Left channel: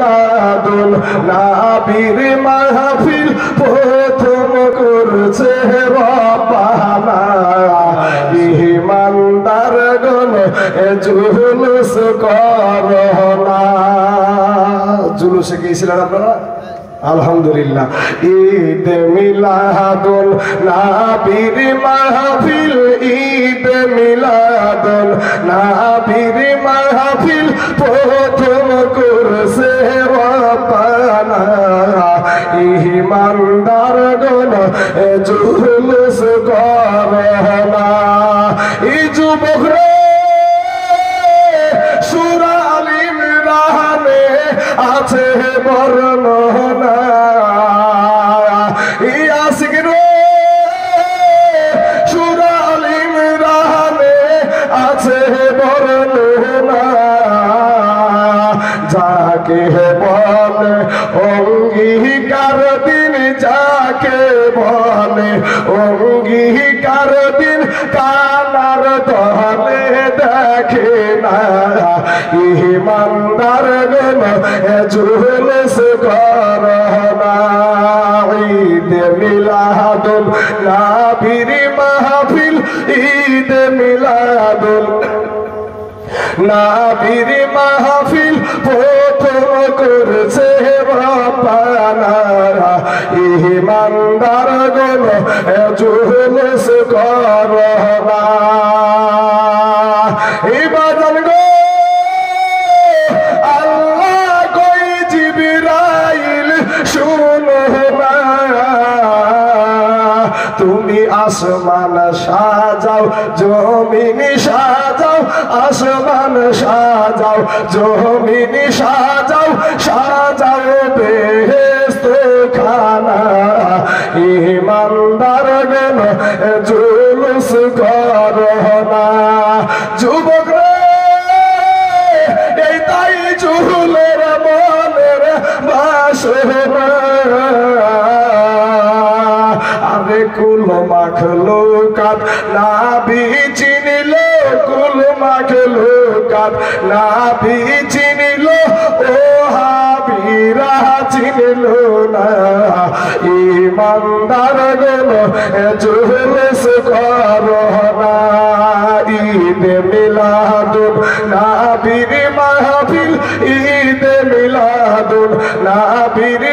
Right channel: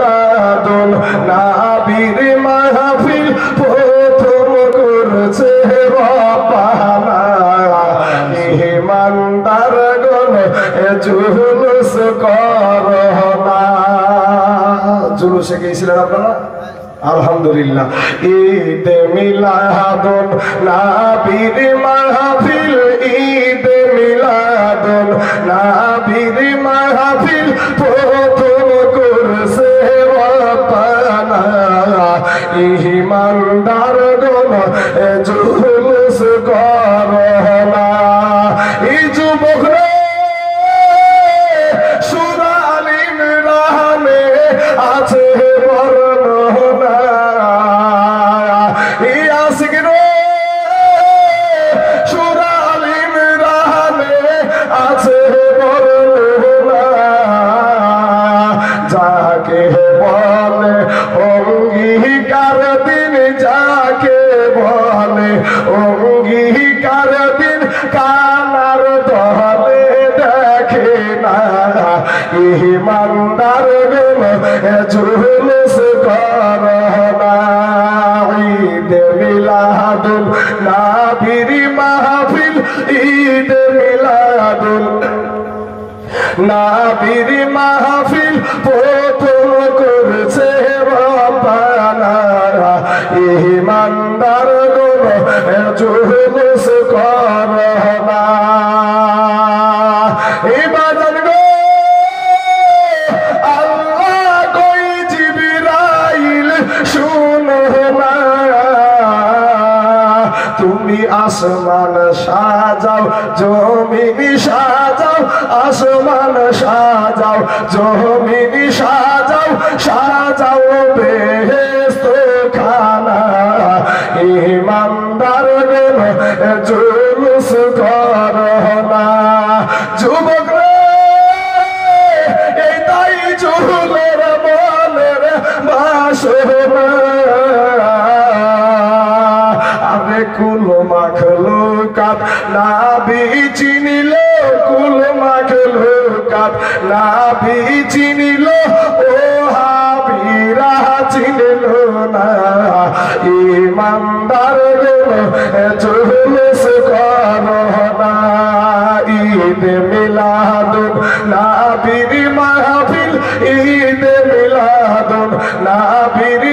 মিলাদুন নবীর মাহফিল প্রথম করছে রব্বানা ইমানদার গণ জুলুস করোনা জুলুসে গিয়েছিলেন আপনারা আলহামদুলিল্লাহ ঈদ মিলাদুন নবীর মাহফিল ঈদ মিলাদুন নবীর মাহফিল প্রথম করছে রব্বানা ইমানদার গণ জুলুস করোনা এই যুবকরা সূরা আল ইমরানে আছে বর্ণনা এই আশিক রে সূরা আল ইমরানে আছে বর্ণনা যাকে বলে অঙ্গীকার দিন যাকে বলে অঙ্গীকার দিন কানার দলে দেখে না ইমানদার গণ জুলুস করোনা ঈদ মিলাদুন নবীর মাহফিল ঈদ মিলাদুন নবীর মাহফিল প্রথম করছে রব্বানা ইমানদার গণ জুলুস করোনা ইবাদত গো আল্লাহ কই জিবরাইল শুনো না তুমি আসমান সাজাও জমিন সাজাও আসমান সাজাও জমিন সাজাও সাজাও বেহেশত খানা ইমানদার গণ জুলুস করোনা যুবকরা এই তাই চুলের মনের বাসনা আরে কুল মাখলুকাত নাবি চিনিল কুল মাখলুকাত নাবি চিনিল ও হাবিরা চিনিল না ইমানদার গণ জুলুস করোনা ঈদ মিলাদুন নবীর মাহফিল ঈদ মিলাদুন নবীর